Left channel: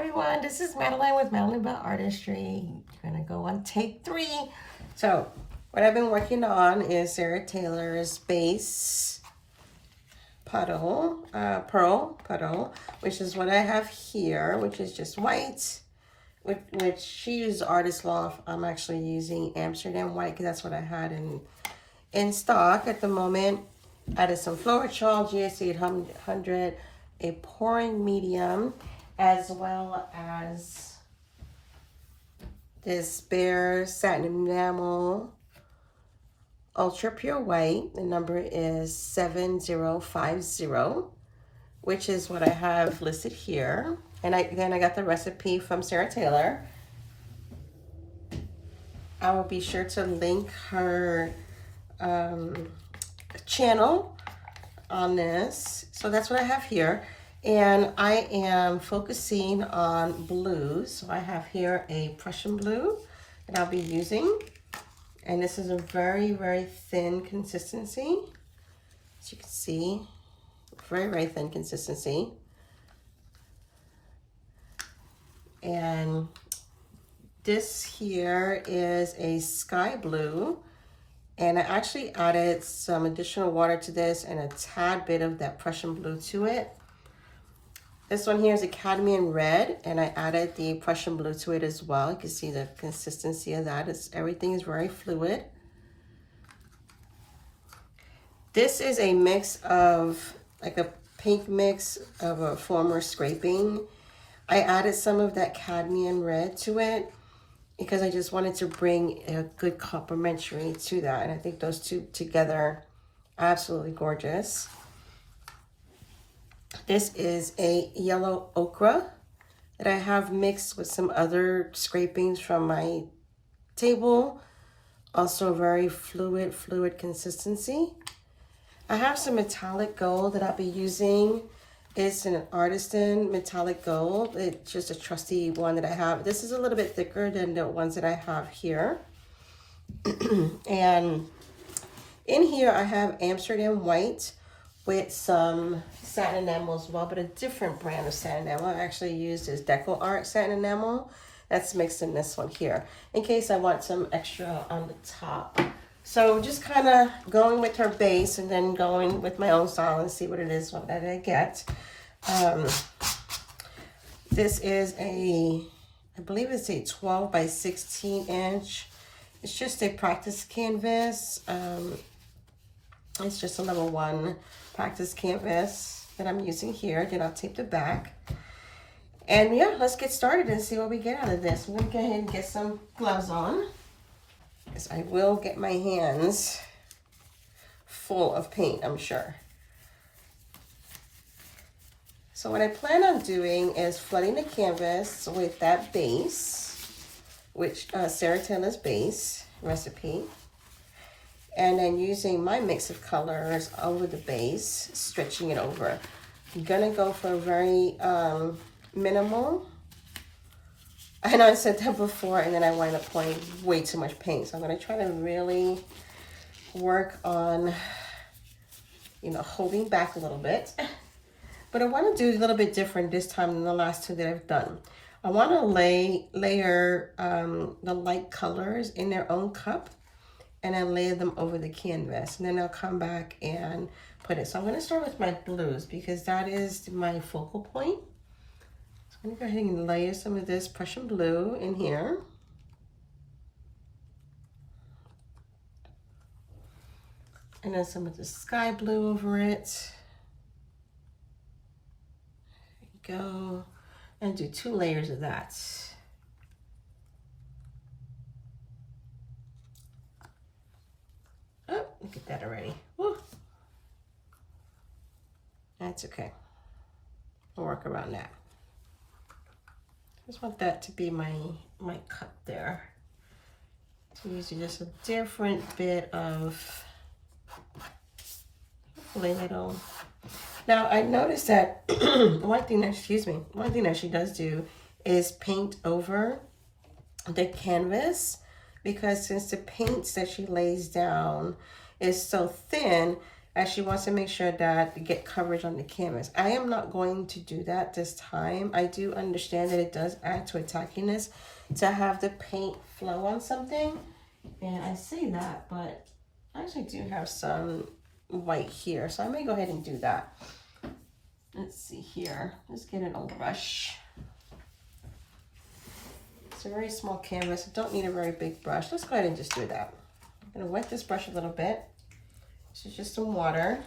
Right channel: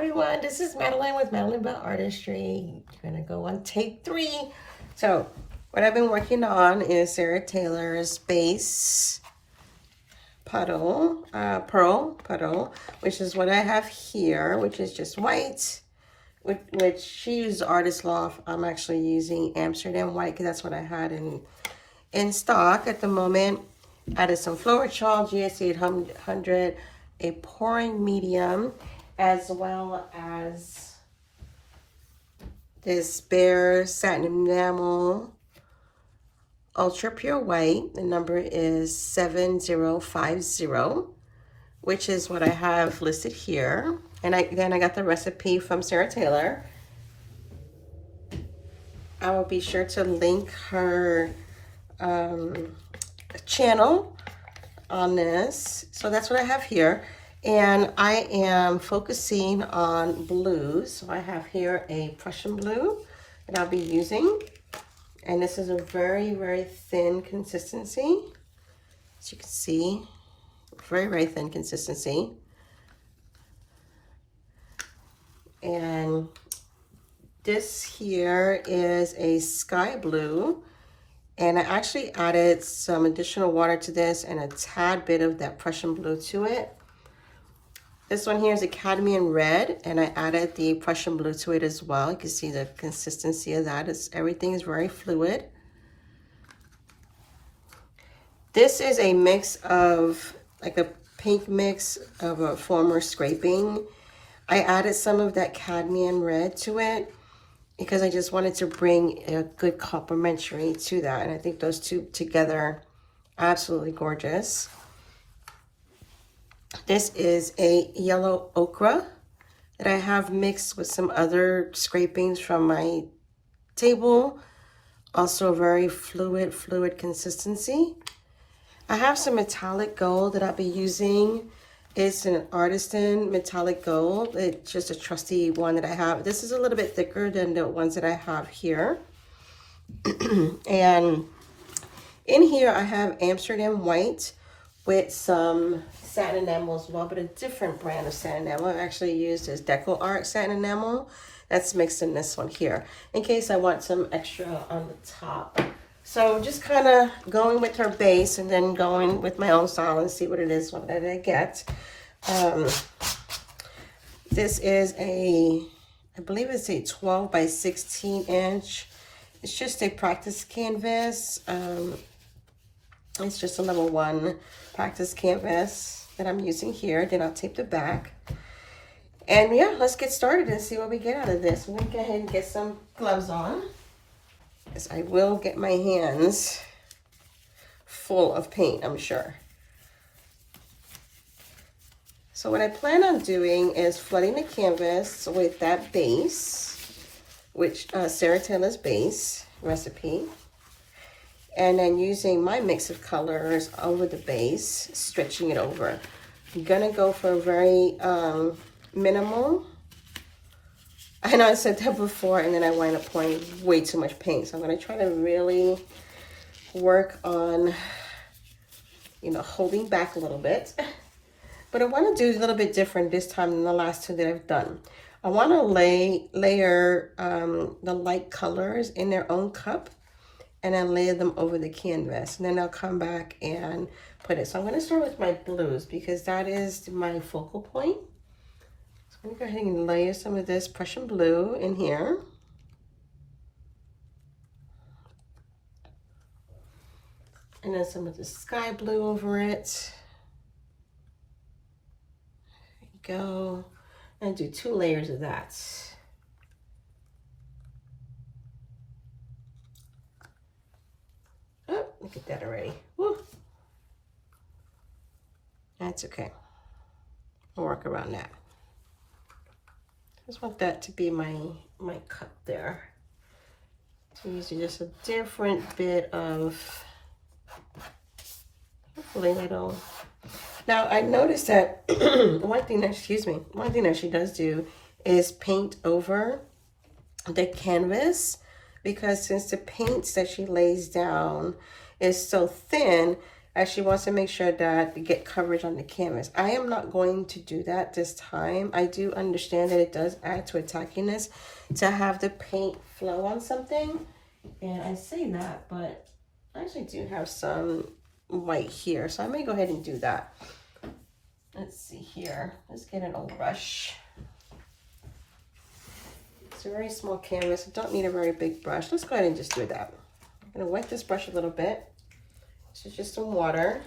everyone, this is Madeline with Madeline Bell Artistry. We're gonna go on take 3. So what I've been working on is Sarah Taylor's base puddle, pearl puddle, which is what I have here, which is just white, which she used Artist Loft. I'm actually using Amsterdam white because that's what I had in stock at the moment. Added some Floral Chalk, GS 800, a pouring medium, as well as this Bare Satin Enamel Ultra Pure White. The number is 7050, which is what I have listed here. And then I got the recipe from Sarah Taylor. I will be sure to link her channel on this. So that's what I have here. And I am focusing on blues. So I have here a Prussian blue that I'll be using. And this is a very, very thin consistency. As you can see, very, very thin consistency. And this here is a sky blue. And I actually added some additional water to this and a tad bit of that Prussian blue to it. This one here is a cadmium red, and I added the Prussian blue to it as well. You can see the consistency of that. Everything is very fluid. This is a mix of, like a pink mix of a former scraping. I added some of that cadmium red to it because I just wanted to bring a good complementary to that. And I think those two together are absolutely gorgeous. This is a yellow ochre that I have mixed with some other scrapings from my table. Also very fluid consistency. I have some metallic gold that I'll be using. It's an artisan metallic gold. It's just a trusty one that I have. This is a little bit thicker than the ones that I have here. And in here I have Amsterdam white with some satin enamel as well, but a different brand of satin enamel. I actually used is Deco Art satin enamel. That's mixed in this one here, in case I want some extra on the top. So just kind of going with her base and then going with my own style and see what it is that I get. This is I believe it's a 12 by 16 inch. It's just a practice canvas. It's just a level 1 practice canvas that I'm using here. Then I'll tape the back. And yeah, let's get started and see what we get out of this. I'm gonna go ahead and get some gloves on, because I will get my hands full of paint, I'm sure. So what I plan on doing is flooding the canvas with that base, which Sarah Taylor's base recipe. And then using my mix of colors over the base, stretching it over. I'm gonna go for a very minimal. I know I said that before, and then I wind up pouring way too much paint. So I'm gonna try to really work on, holding back a little bit. But I wanna do a little bit different this time than the last two that I've done. I wanna layer the light colors in their own cup, and then lay them over the canvas. And then I'll come back and put it. So I'm gonna start with my blues because that is my focal point. So I'm gonna go ahead and layer some of this Prussian blue in here. And then some of the sky blue over it. There you go. And do 2 layers of that. Oh, look at that already. Woo. That's okay. I'll work around that. Just want that to be my cup there. So using just a different bit of ladle. Now I noticed that one thing that she does do is paint over the canvas, because since the paints that she lays down is so thin, She wants to make sure that you get coverage on the canvas. I am not going to do that this time. I do understand that it does add to a tackiness to have the paint flow on something. And I say that, but I actually do have some white here. So I may go ahead and do that. Let's see here. Let's get an old brush. It's a very small canvas. I don't need a very big brush. Let's go ahead and just do that. I'm going to wet this brush a little bit. So just some water.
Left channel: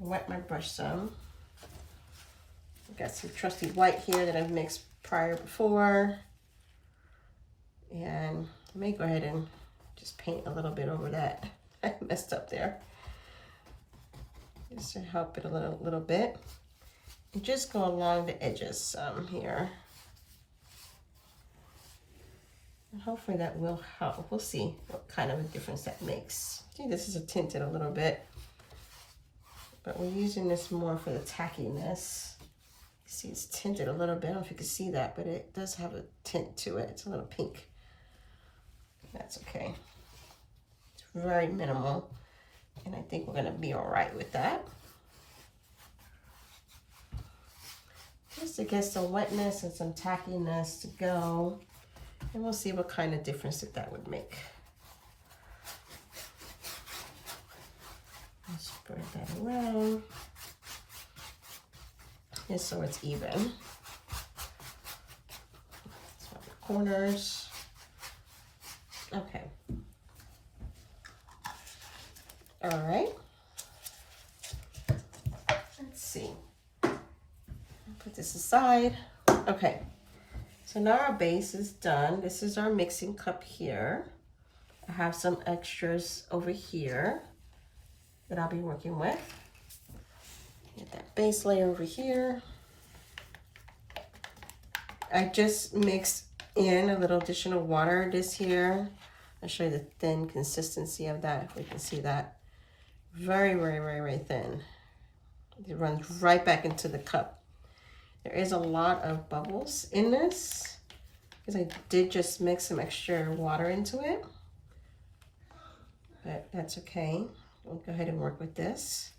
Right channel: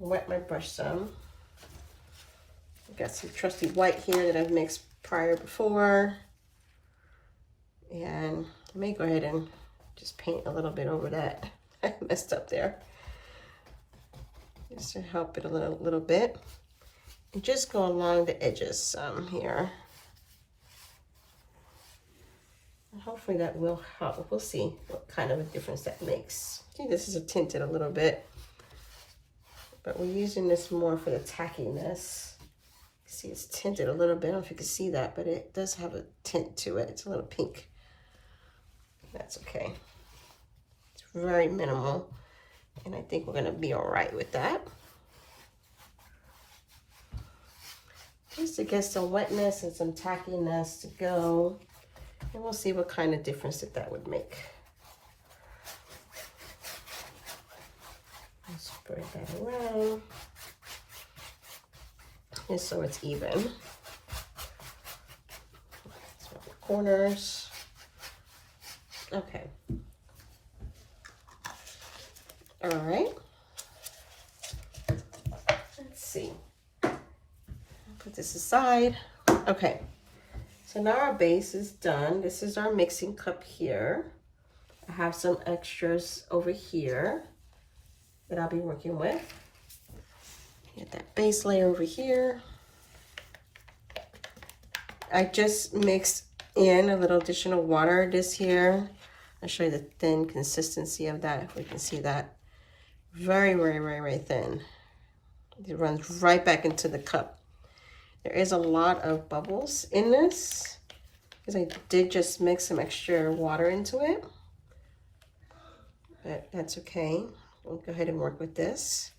Wet my brush some. I've got some trusty white here that I've mixed before. And I may go ahead and just paint a little bit over that. I messed up there. Just to help it a little bit. And just go along the edges some here. And hopefully that will help. We'll see what kind of a difference that makes. See, this is tinted a little bit. But we're using this more for the tackiness. See, it's tinted a little bit. I don't know if you can see that, but it does have a tint to it. It's a little pink. That's okay. It's very minimal. And I think we're going to be all right with that. Just to get some wetness and some tackiness to go. And we'll see what kind of difference that would make. Spread that around. Just so it's even. So the corners. Okay. All right. Let's see. Put this aside. Okay. So now our base is done. This is our mixing cup here. I have some extras over here that I'll be working with. Get that base layer over here. I just mixed in a little additional water this here. I'll show you the thin consistency of that, if you can see that. Very, very, very, very thin. It runs right back into the cup. There is a lot of bubbles in this because I did just mix some extra water into it. But that's okay. We'll go ahead and work with this.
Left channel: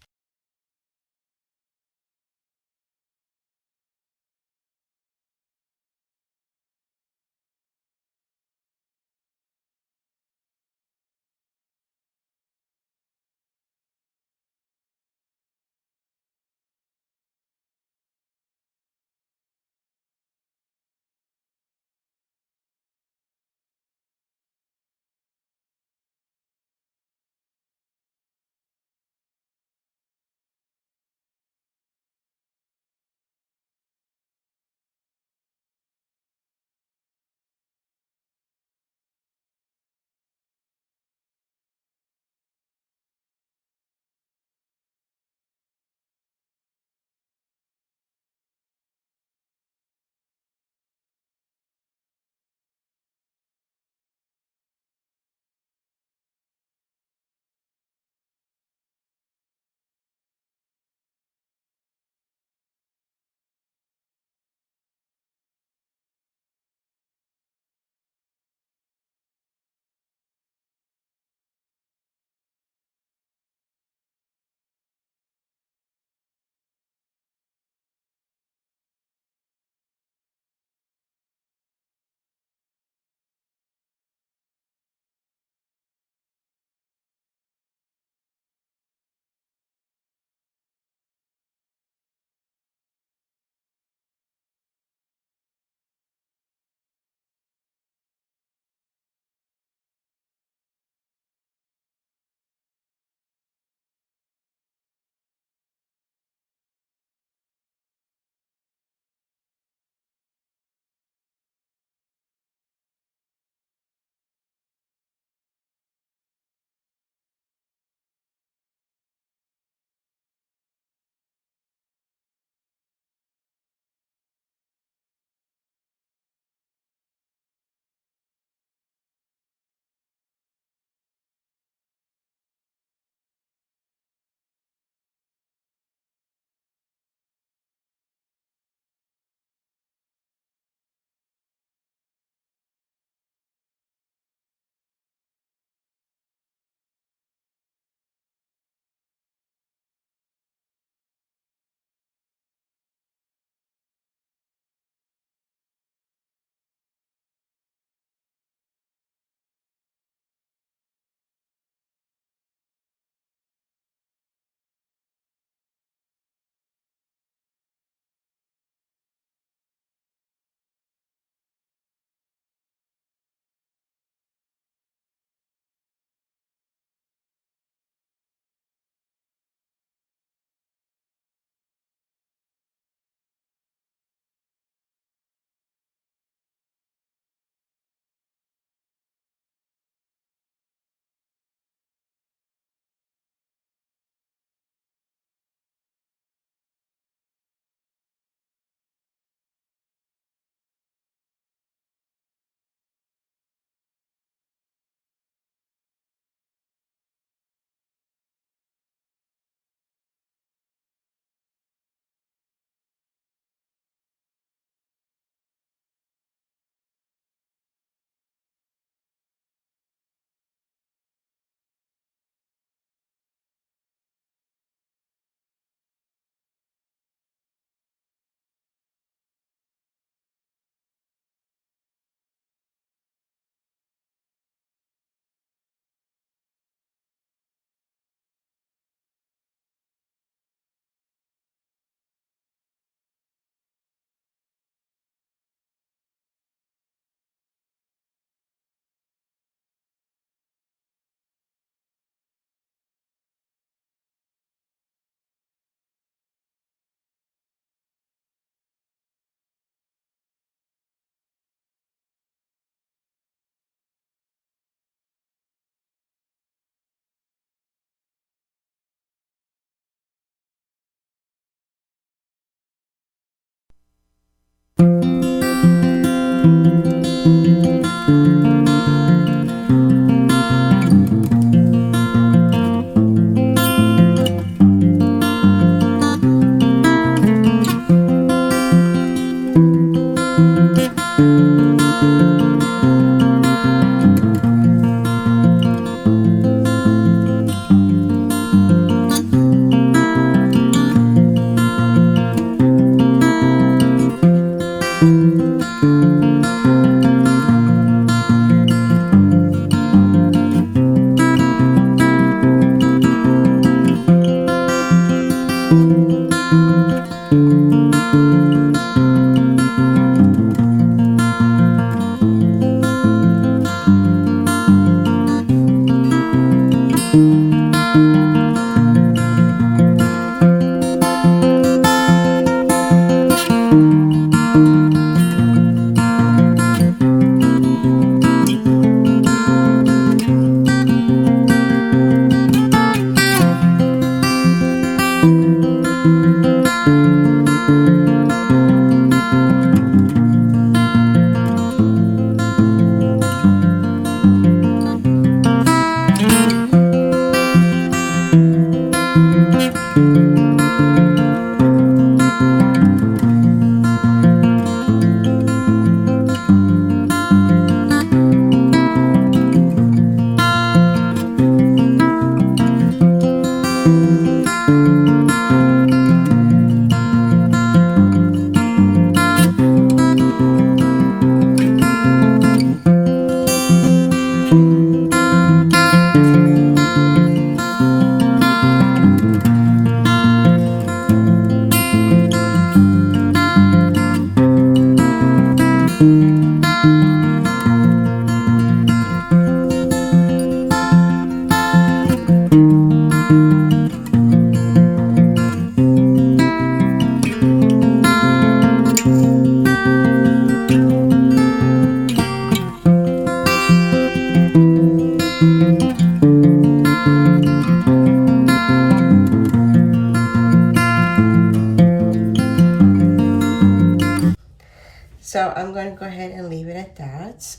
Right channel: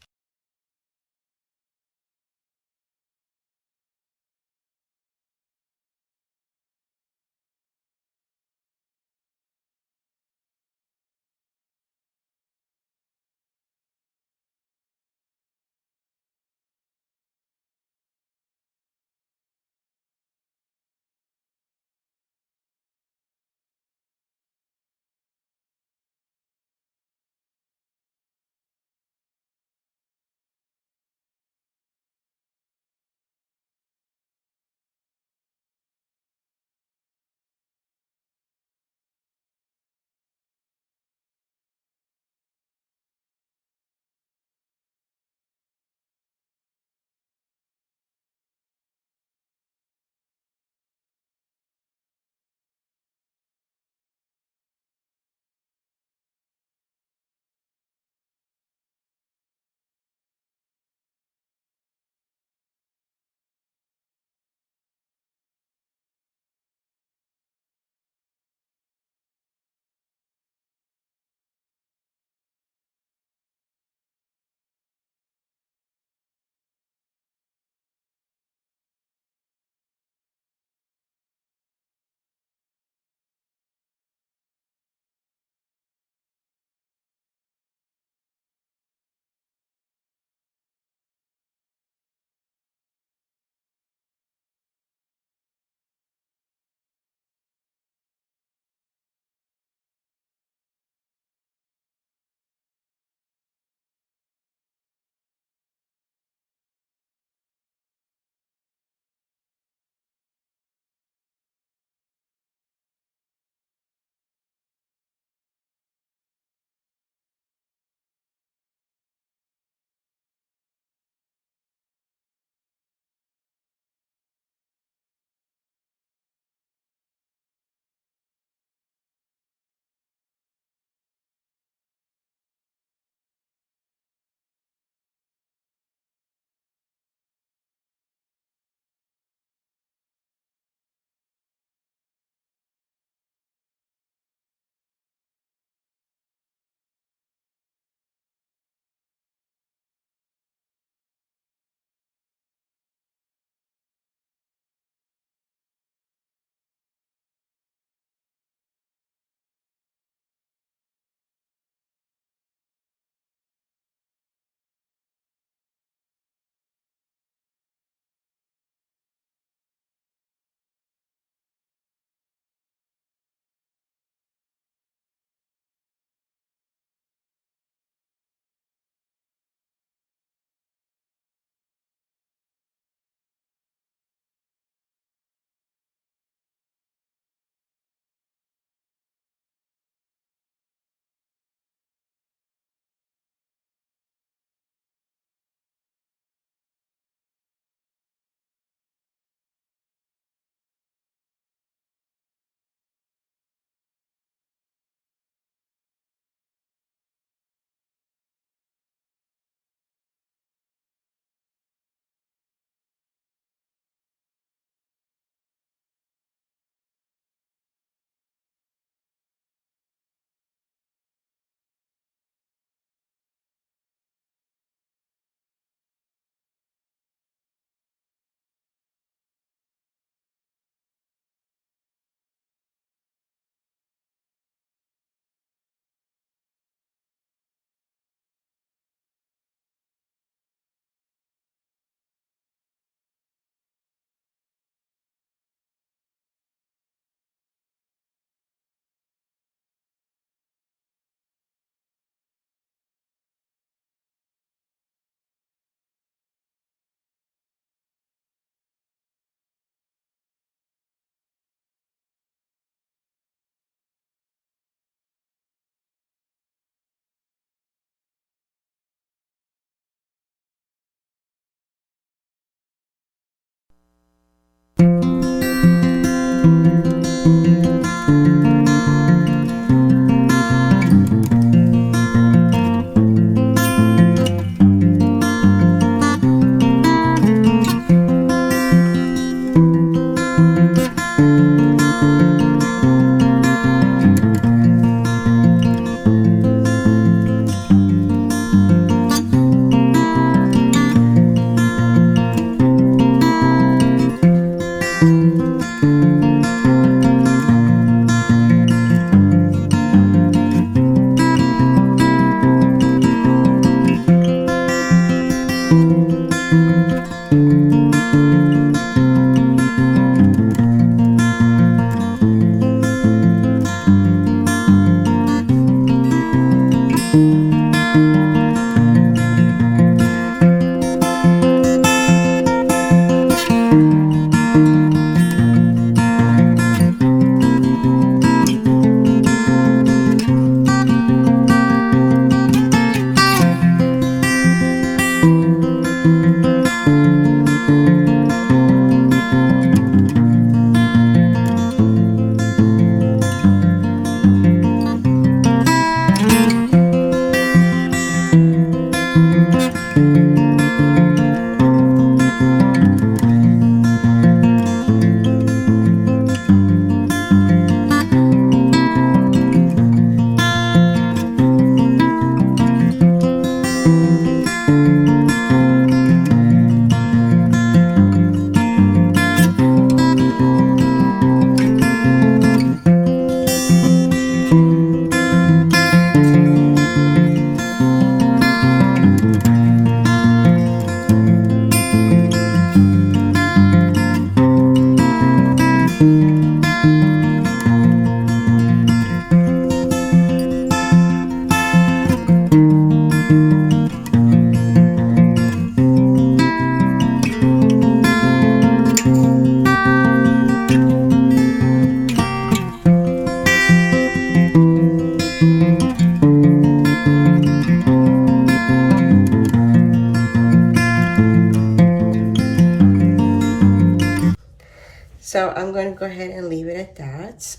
So I'm going to go ahead and leave it at that.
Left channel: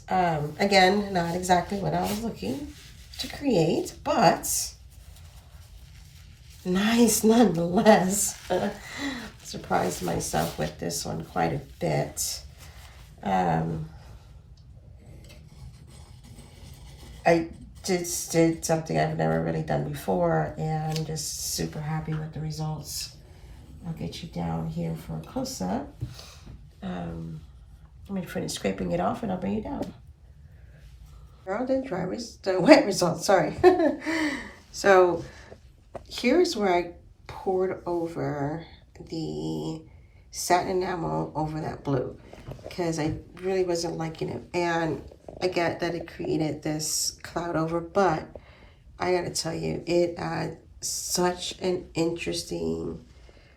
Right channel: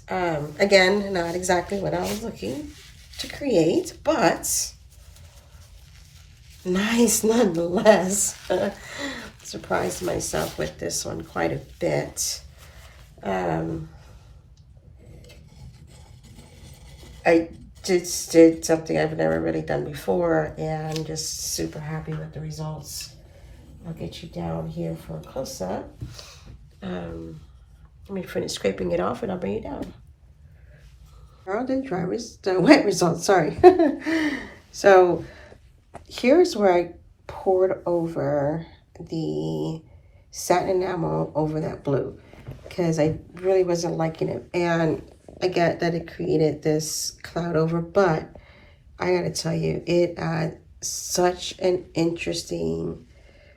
Again, not exactly what I was looking to create, but nice nonetheless. Surprised myself with this one quite a bit. I just did something I've never really done before, and I'm just super happy with the results. I'll get you down here for a close-up. I'm going to finish scraping it off and I'll bring it down. Here are the wet results, sorry. So here's where I poured over the satin enamel over that blue because I really wasn't liking it. And I get that it created this cloud over, but I gotta tell you, it adds such an interesting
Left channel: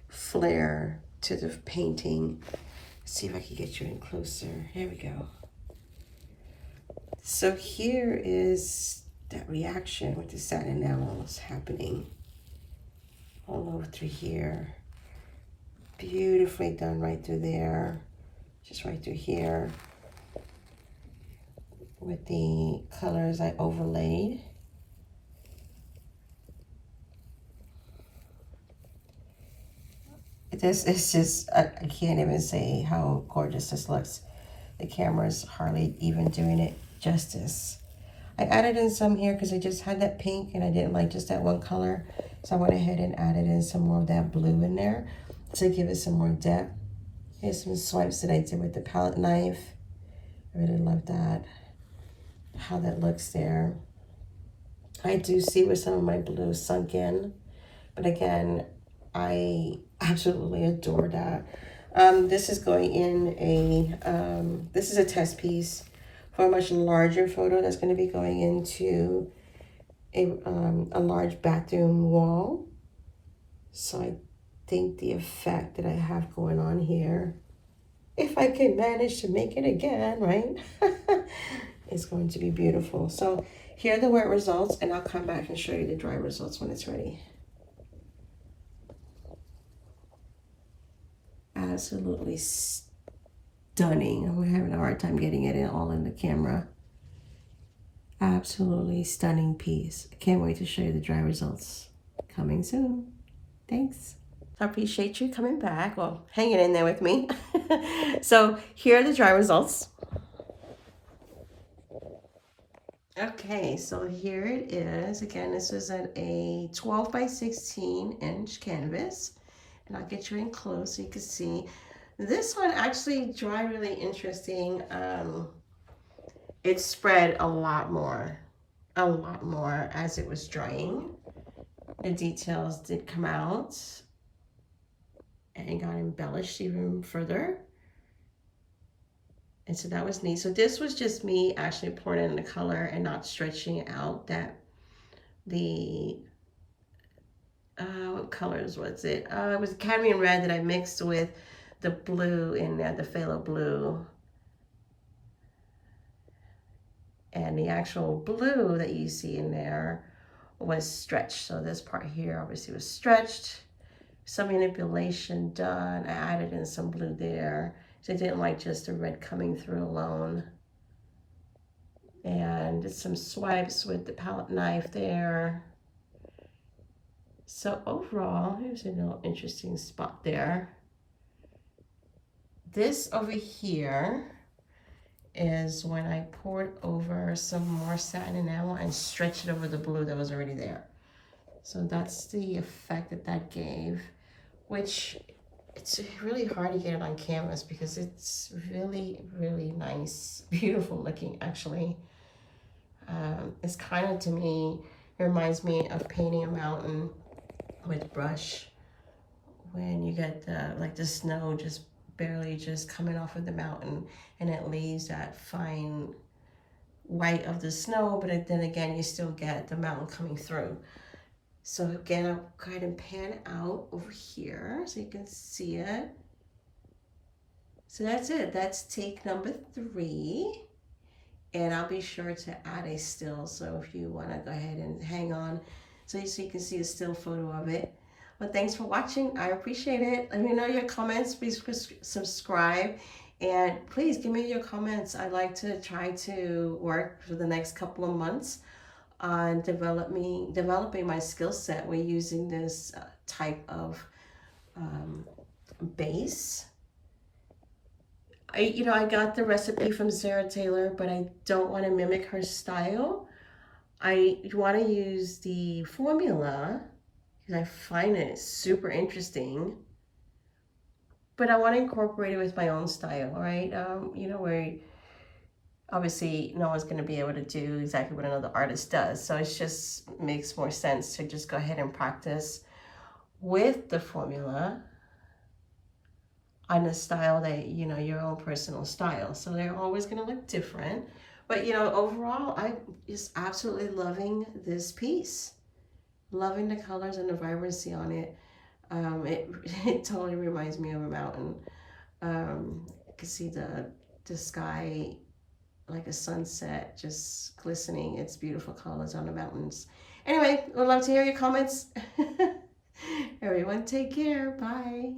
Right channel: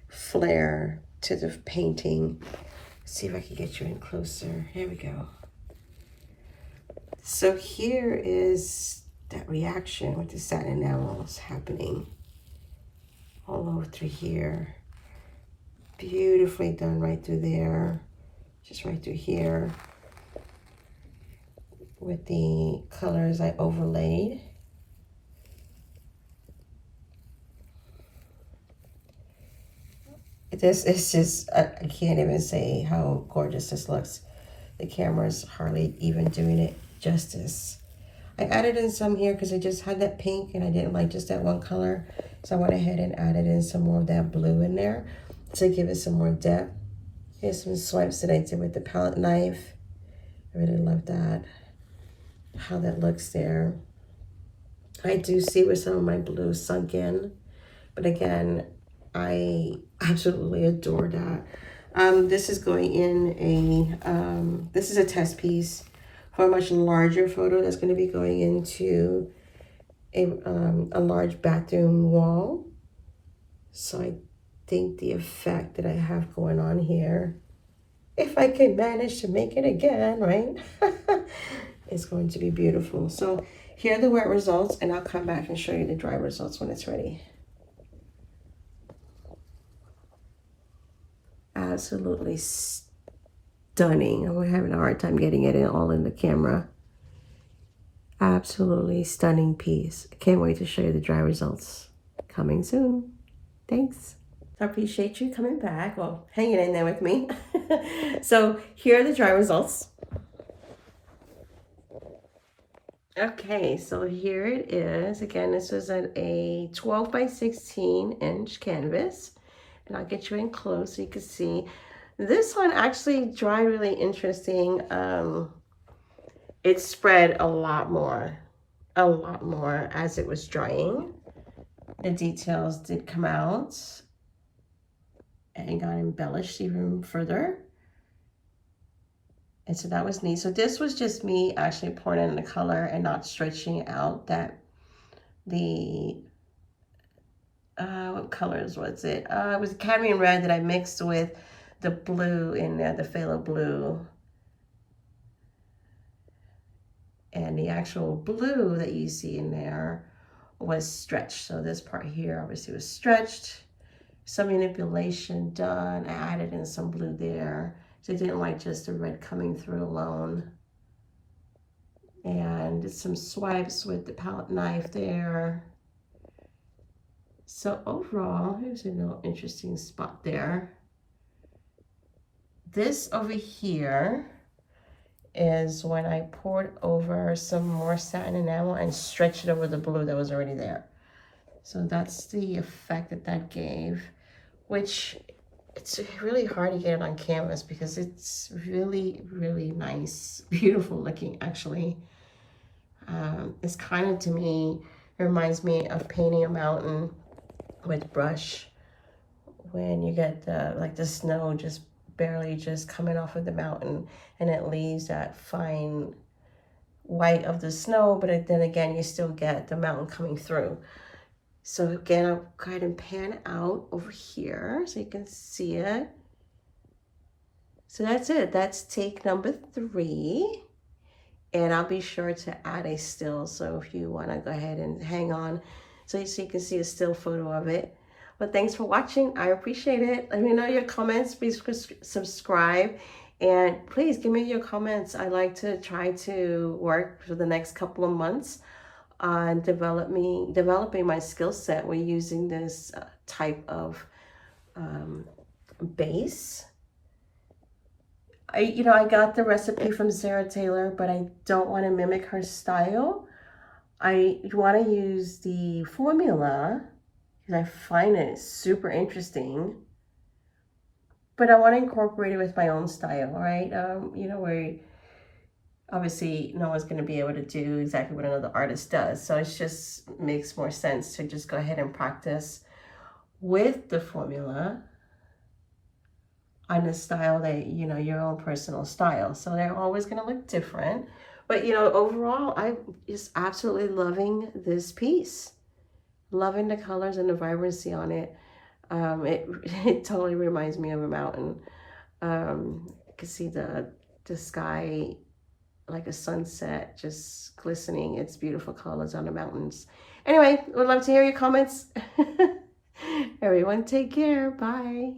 flair to the painting. Let's see if I can get you in closer. Here we go. So here is that reaction with the satin enamels happening all over through here. Beautifully done right through there, just right through here with the colors I overlaid. This is just, I can't even say how gorgeous this looks. The camera's hardly even doing it justice. I added in some here because I just had that pink and I didn't like just that one color. So I went ahead and added in some more of that blue in there to give it some more depth. Here's some swipes that I did with the palette knife. I really love that, how that looks there. I do see where some of my blue sunk in, but again, I absolutely adore that. This is going in a, this is a test piece for a much larger photo that's going to be going into a large bathroom wall. So I think the effect that I have going on here, if I can manage to make it again, right, it's going to be beautiful. So here are the wet results, and I'll come back and show you the dry results when it's ready. Absolutely stunning. I'm having a hard time getting it all in the camera. Absolutely stunning piece. I can't wait to show you the dry results. Coming soon. Thanks. I appreciate you coming back. Well, hanging in there with me. So here are the dry results. Okay, so here it is. Again, this is a 12 by 16 inch canvas. And I'll get you in close so you can see. This one actually dried really interesting. It spread a lot more as it was drying. The details did come out and got embellished even further. And so that was neat. So this was just me actually pouring in the color and not stretching out that what colors was it? It was cadmium red that I mixed with the blue in there, the phthalo blue. And the actual blue that you see in there was stretched. So this part here obviously was stretched. Some manipulation done. I added in some blue there. So I didn't like just the red coming through alone. And did some swipes with the palette knife there. So overall, here's a little interesting spot there. This over here is when I poured over some more satin enamel and stretched it over the blue that was already there. So that's the effect that that gave, which it's really hard to get it on canvas because it's really, really nice, beautiful looking actually. It's kind of, to me, it reminds me of painting a mountain with brush when you get the snow just barely just coming off of the mountain and it leaves that fine white of the snow, but then again you still get the mountain coming through. So again, I'll go ahead and pan out over here so you can see it. So that's it. That's take number 3. And I'll be sure to add a still. So if you want to go ahead and hang on so you can see a still photo of it. But thanks for watching. I appreciate it. Let me know your comments. Please subscribe. And please give me your comments. I like to try to work for the next couple of months on developing my skill set with using this type of base. I got the recipe from Sarah Taylor, but I don't want to mimic her style. I want to use the formula because I find it super interesting, but I want to incorporate it with my own style, right? Where obviously no one's going to be able to do exactly what another artist does. So it just makes more sense to just go ahead and practice with the formula on a style that, your own personal style. So they're always going to look different. But, overall, I'm just absolutely loving this piece. Loving the colors and the vibrancy on it. It totally reminds me of a mountain. You can see the sky like a sunset, just glistening. It's beautiful colors on the mountains. Anyway, would love to hear your comments. Everyone take care. Bye.